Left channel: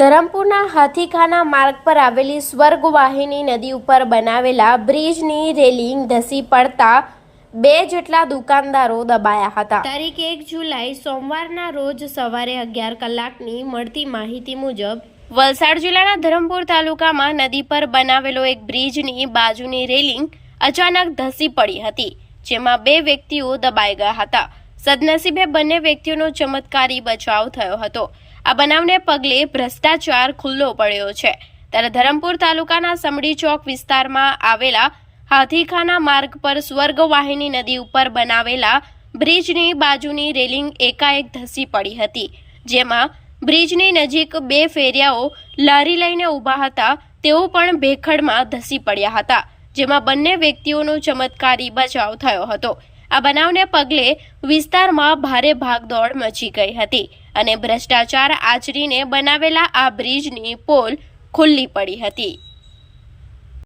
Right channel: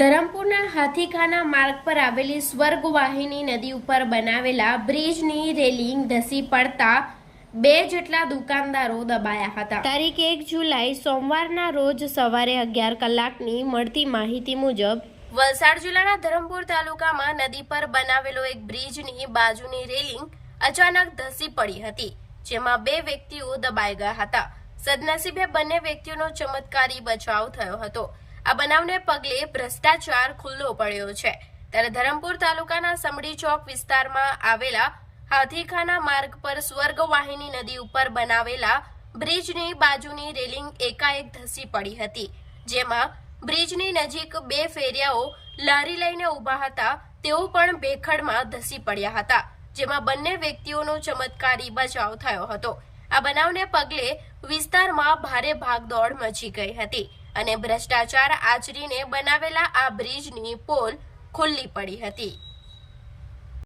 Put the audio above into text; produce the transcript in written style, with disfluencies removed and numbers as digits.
ધરમપુરના હાથીખાના માર્ગ પર આવેલી સ્વર્ગવાહિની નદી ઉપર બનાવેલા બ્રિજની રેલિંગ ધસી પડતા 2 જેટલા દુકાનદારો દબાયા હતા। તારીખ 1 જુલાઈ સોમવારના રોજ સવારે 11 કલાકની મળતી માહિતી મુજબ વલસાડ જિલ્લાના ધરમપુર તાલુકામાં નદી પર બનાવેલો એક બ્રિજની બાજુની રેલિંગ અચાનક ધસી પડી હતી, જેમાં 2 વ્યક્તિઓ દબાઈ ગયા હતા। સદનસીબે બંને વ્યક્તિઓનો ચમત્કારી બચાવ થયો હતો। આ બનાવને પગલે ભ્રષ્ટાચાર ખુલ્લો પડ્યો છે। ત્યારે ધરમપુર તાલુકાના સમડી ચોક વિસ્તારમાં આવેલા હાથીખાના માર્ગ પર સ્વર્ગવાહિની નદી ઉપર બનાવેલા બ્રિજની બાજુની રેલિંગ એકાએક ધસી પડી હતી, જેમાં બ્રિજની નજીક 2 ફેરિયાઓ લારી લઈને ઊભા હતા, તેઓ પણ ભેખડમાં ધસી પડ્યા હતા, જેમાં બંને વ્યક્તિઓનો ચમત્કારી બચાવ થયો હતો। આ બનાવને પગલે વિસ્તારમાં ભારે ભાગદોડ મચી ગઈ હતી અને ભ્રષ્ટાચાર આચરીને બનાવેલા આ બ્રિજની પોલ ખુલ્લી પડી હતી।